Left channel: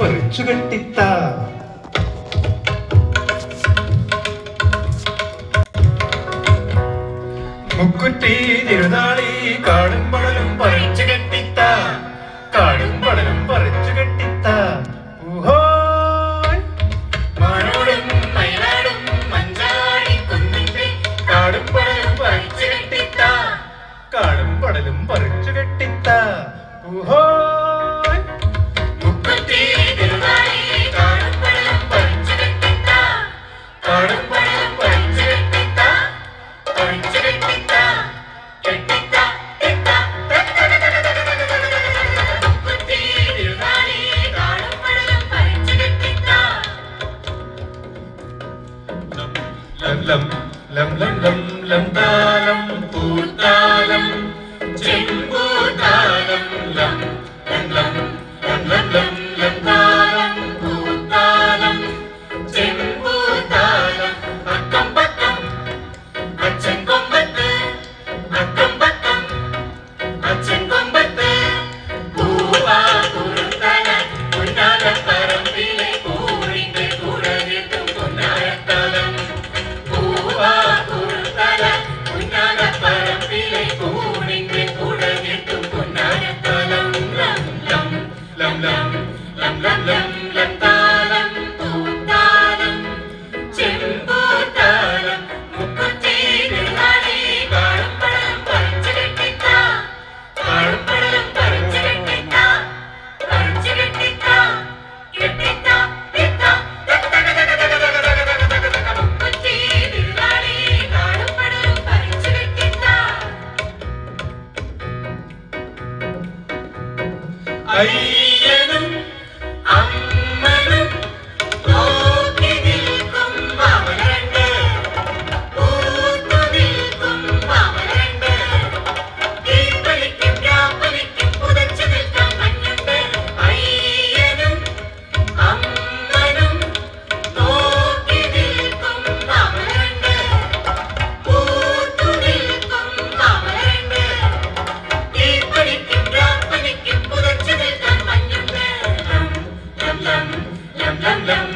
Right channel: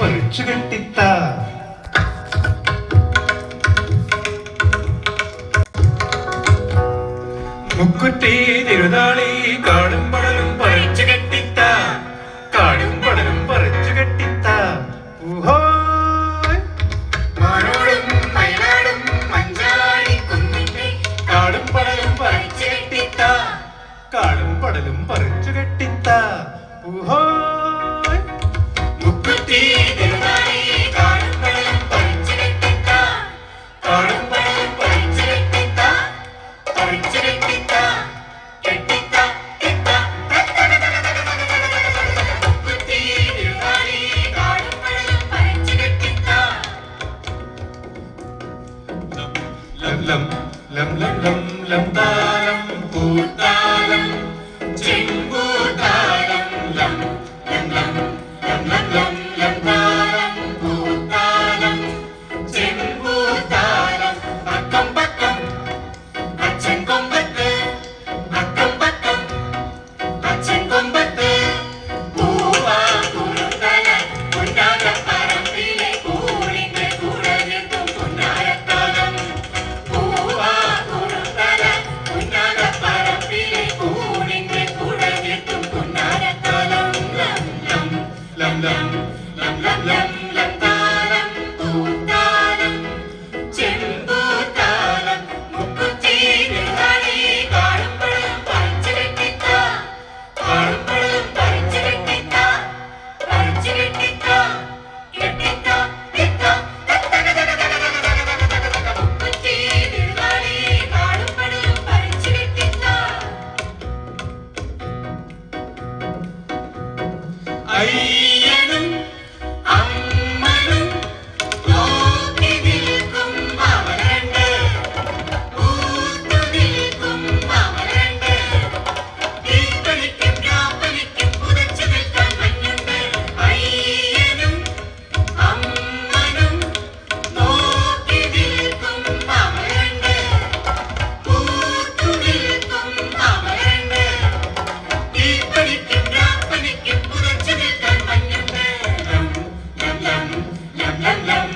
പറിച്ചു കെട്ടിത്ത മുക്കുറ്റി തിരുനാളി കാടും പടലും പറിച്ചു കെട്ടിത്ത കാടും പടലും പറിച്ചു കെട്ടിത്ത ഊഹോ മാനോടും വയനാടും മഞ്ചാടി കുന്നിന്റെ കാടും പടലും പറിച്ചു കെട്ടിത്ത കാടും പടലും പറിച്ചു കെട്ടിത്ത ഊഹോ മുക്കുറ്റി തിരുനാളി കാടും പടലും പറിച്ചു കെട്ടിത്ത കാടും പടലും പറിച്ചു കെട്ടിത്ത പറിച്ചു കെട്ടിത്ത കെട്ടിത്ത കെട്ട മുക്കുറ്റി തിരുനാളി കാടും പടലും പറിച്ചു കെട്ടിത്ത ലം ലം ലം ലം ലം താളം പൂത്താലം ചെമ്പൂത്താലം ലം ലം ലം ലം ലം ലം താളം പൂത്താലം ചെമ്പൂത്താലം അക്കം പക്കം അച്ഛൻ കൊമ്പത്ത് അക്കം പക്കം അച്ഛൻ കൊമ്പത്ത് പൂവാ പൂന്തല പുന്നാരപ്പറമ്പിലെ കൂടിന്റെ കൂടവിട്ടും പുന്നാരത്തലം പൂവാ പൂന്തല പുന്നാരപ്പറമ്പിലെ കൂടിന്റെ കൂടവിട്ടും പുന്നാരത്തലം ലം ലം ലം ലം ലം ലം താളം പൂത്താലം ചെമ്പൂത്താലം മുക്കുറ്റി തിരുനാളി കാടും പടലും പറിച്ചു കെട്ടിത്ത കാടും പടലും പറിച്ചു കെട്ടിത്ത പറിച്ചു കെട്ടിത്ത കെട്ടിത്ത കെട്ട മുക്കുറ്റി തിരുനാളി കാടും പടലും പറിച്ചു കെട്ടിത്ത അയ്യനും അമ്മനും നോക്കി നിൽക്കും മാമനുണ്ട് പൂത്തു നിൽക്കും മാമനുണ്ട് തീപ്പണിക്കും രാപ്പണിക്കും പുതച്ചു നിൽക്കാൻ മഞ്ഞുണ്ട് അയ്യനും അമ്മനും നോക്കി നിൽക്കും മാമനുണ്ട് പൂത്തു നിൽക്കും മാമനുണ്ട് തീപ്പണിക്കും രാപ്പണിക്കും പുതച്ചു നിൽക്കാൻ മഞ്ഞുണ്ട് ലം ലം ലം ലം ലം